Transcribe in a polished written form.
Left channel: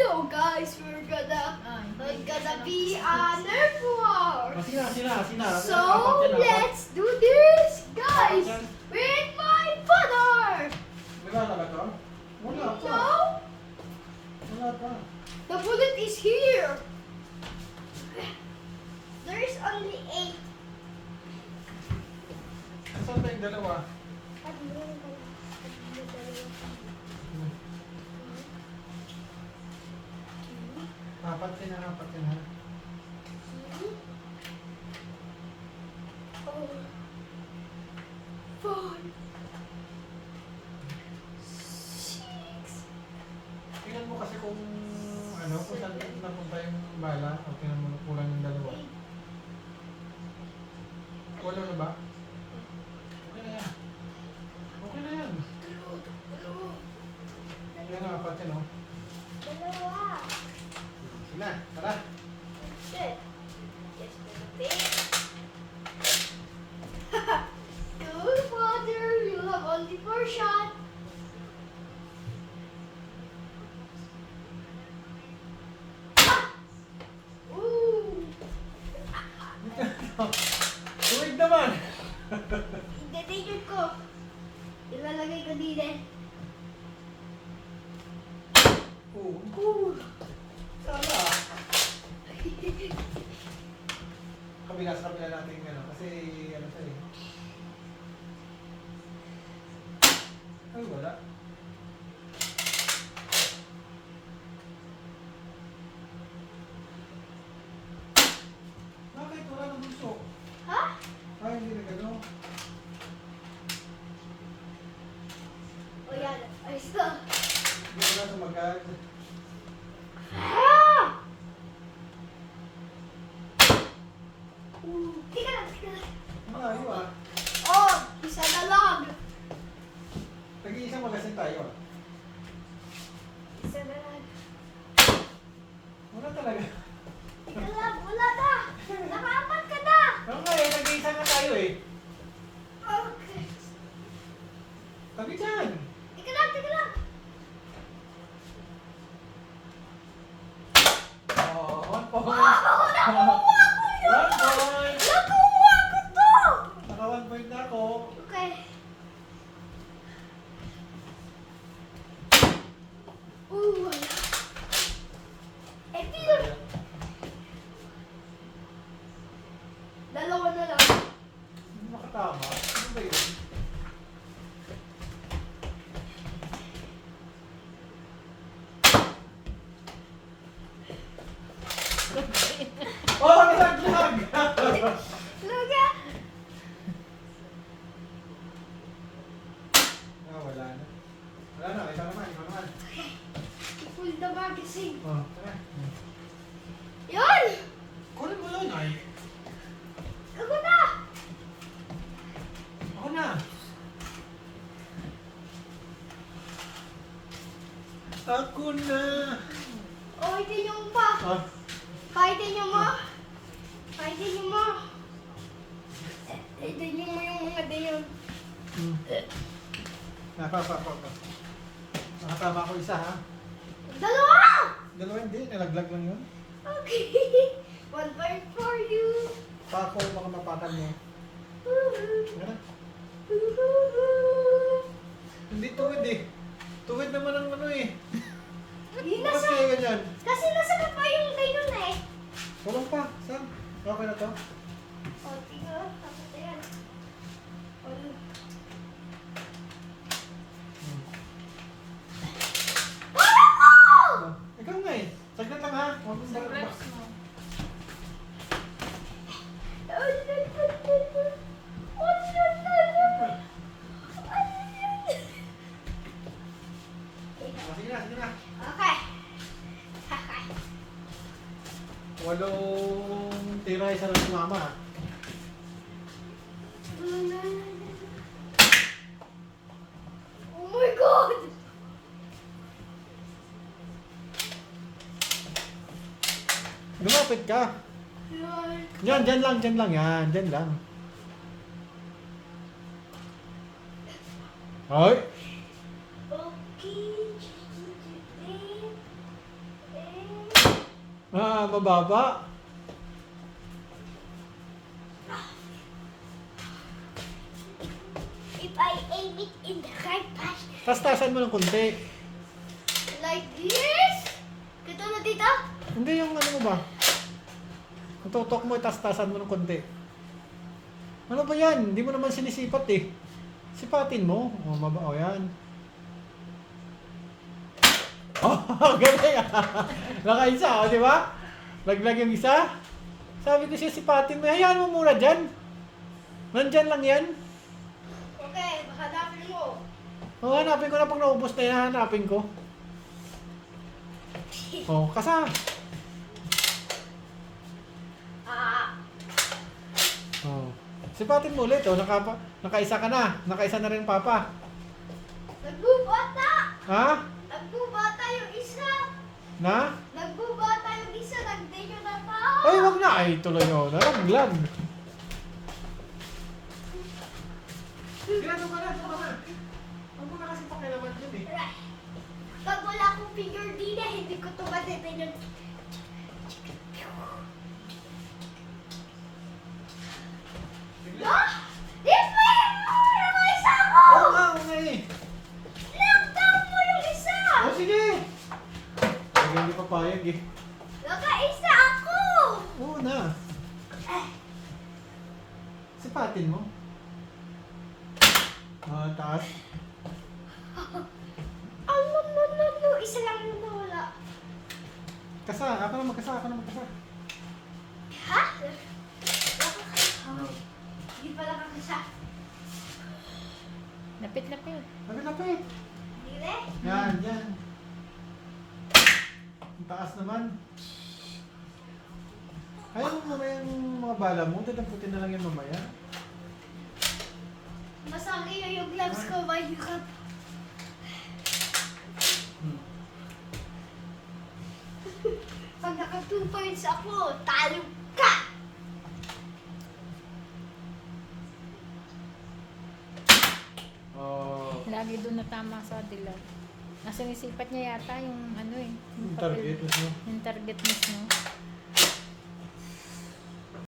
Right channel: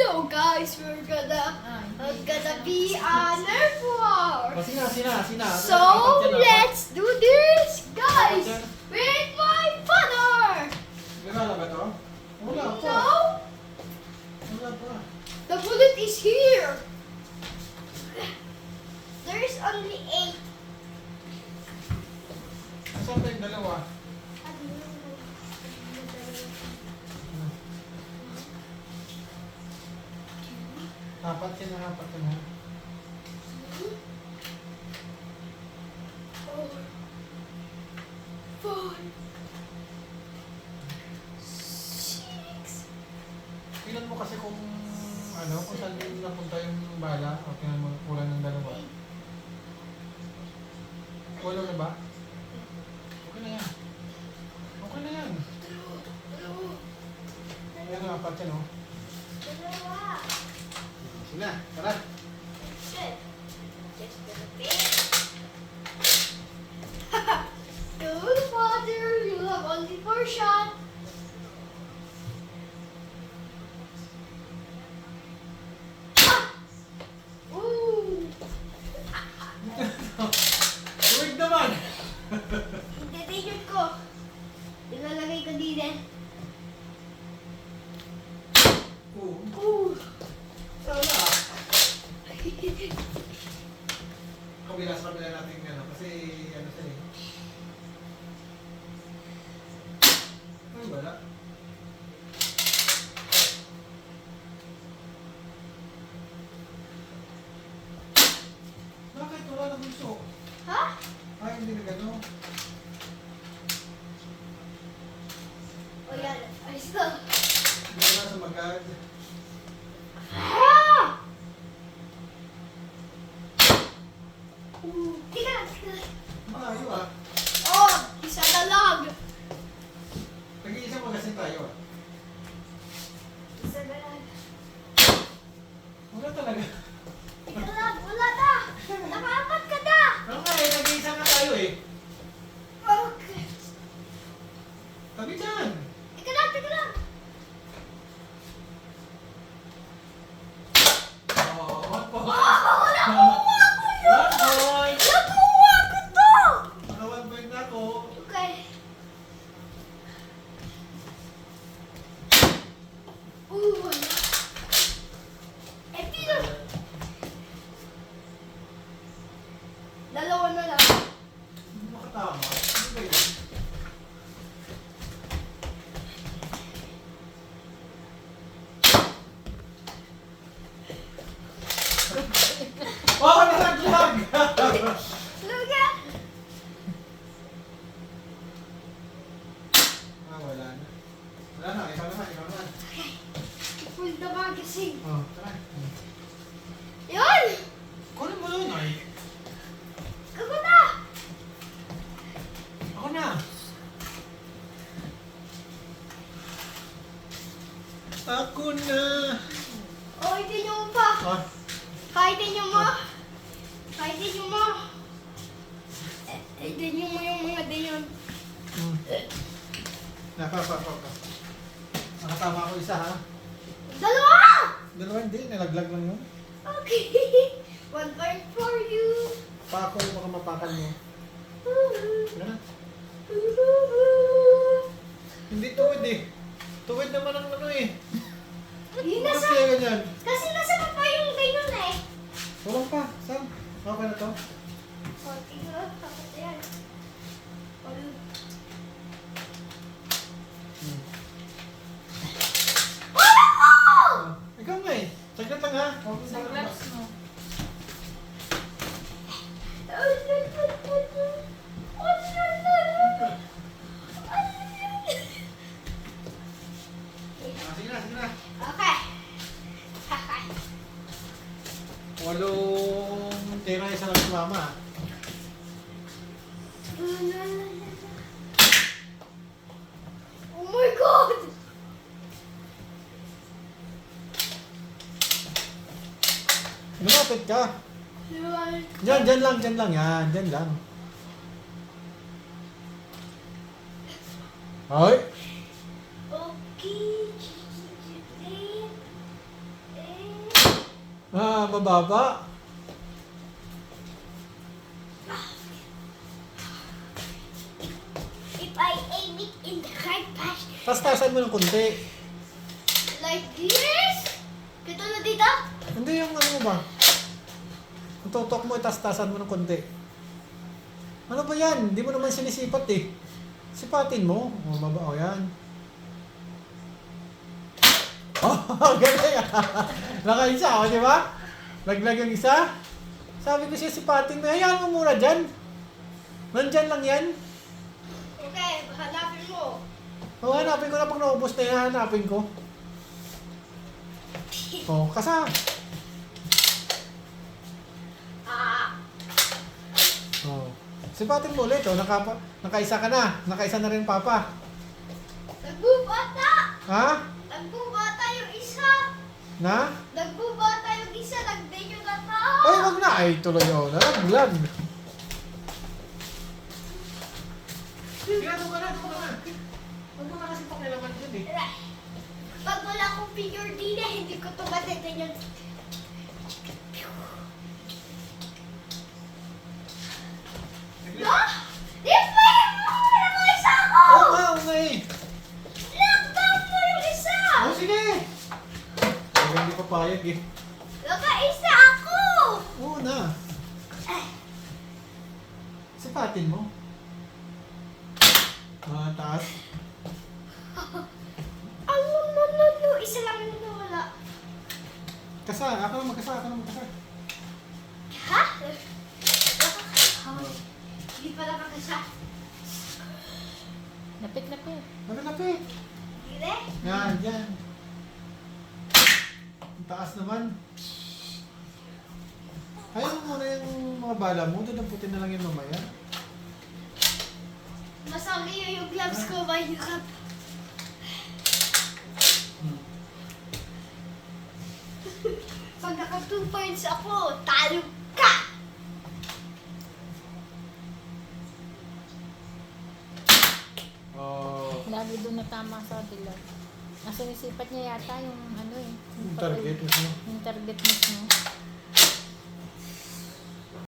Hello guys, we're gonna be on Nerf War. Sina. So let's do this, guys, with my father. Wala na ba ito? Wala pa. No, Wala pa. the bullet is here. There's only 8. Saan ba yung dalawa? Apat yun ha. 4, 6. Tingnan mo kasi kung saan napunta yung bala. O tingnan mo kulang ng dalawa. Wala na ba? Okay na yan. Okay na yan. Yan ang apat yan, oh. Dalawa. Sina, tara. Shit. Go, father. You have only 4 shots. Ooh. Tuwig naman! Ititigil ko. Ilalagay ko din eh. Oo. Sana. Kabila sa kabila natin yan, kasi ano sa eh. Ay, wala. Bakit wala na gusto? Ha? Ay, hindi na gano'n. O yan. Ayos na. Hindi na sa magad. Ah! Tika lang. Malayo ah. Oh, isa na lang. Nag-iisang magasin tayo ah. Isa na lang. Wala talaga. Ika lang. Wala na. Nakaapat ka na. Ano nga eh, nag-iisa na tayo eh. Okay. Tabi dyan. Ika lang. Tika lang. Oh, 1 point. Oh, nakuha ko yun. 1 point. Nakuha ko to. Naka 1 point na ako. Okay. Wala. Eh, pero dalawa na lang. Hindi makatama. Ano ba yun? Oh, nalaglag! Luga. Wala na. Wala na, ikaw naman. Full the magazine. Oh, tara. Yun! Kunin mo yun ay. Ako na! Ako na. Ako na. Oh, itin nyo pa. Ah, Fightin nyo mo. Fightin nyo mo. Itin nyo mo yung mga dayon. Nakatama ako isa ha. Dalawa! Dalawa hindi, nalaglag lang yun. Okay. 1 point for you. Pa ako, baka mapakan mo. Tara. Hindi tuwid eh. Tuwid naman ang ano eh. Yun Bakit nasa... kaya ganyan? Kasi nasa pa yung dayon eh. Walang pa. Sam, okay na to? O, tiga. Tapos yan. Walo. Wala ko! Ah, ikaw nga eh. Saglit lang ha. Huwag mo Sa sa gloves mo. Sige na. Okay. 8 tira isa lang si mama. Oh my God! Lumapit ka. Yun. Dyan lang yan. Dyan lang. Ay! Okay. Mababa. If I aim it in the right path, Tastasan mo ng konti. like this. Kita na dito? Hindi yung ano mo ba? Ang tutok mo, tastasan mo ng konti. Ano ba yan? Hindi mo naman sinisipat eh. Sipatin mo. O, baba. O, yan. Oh, galing. Nakaisa, o, di ba? Laglag yung isa. Sabi ko siya, sipatin mo. Hayaan mo muna dyan. Nandyan lang yan. Okay, hanapin mo. O, hanapin ko na pag naubos na yan. Hanapin ko. O, kasa. Ah, O. Sipatin mo ulit. O, nakaisa ka na. Nakaisa na rin, Papa. nagbubata. Ha? Nagbubata yung isa. Na? Nagbubata yung isa. Nagday yung nata. Ay, wag na. Ay, tuloy ako. Nalaglag. Ano ka na? Huwag mo na kasi pakilaman yun eh. Pag wala akong figure din hindi ko ito matitin yung... Ah! Di ba yung isa ako? Oo nga, oo nga eh. Lockdown mo yung isa! O, sige. Ay, hindi pa payag eh. Nakaisa ako! Oo na. Sipatin mo. Taas. No. Isa lang na nawala. Kasa. Ako na magkasa. Ako na magkasa. Ha? Hindi pala kakasa. Lapit-lapit. Lapit-lapit. Hindi rin. Yan, yan. Ang taas naman. Hayaan mo muna yung mga bala mo. Tinaputin na lang yung mamaya. Masali yung gloves ko. Mahirap. Pag naka 2 points ako, talo ka! Oh, Lagi doon natama sa dilaw. Nasa nisipat niya yata yung ano eh. yung target mo. Yung target mismo.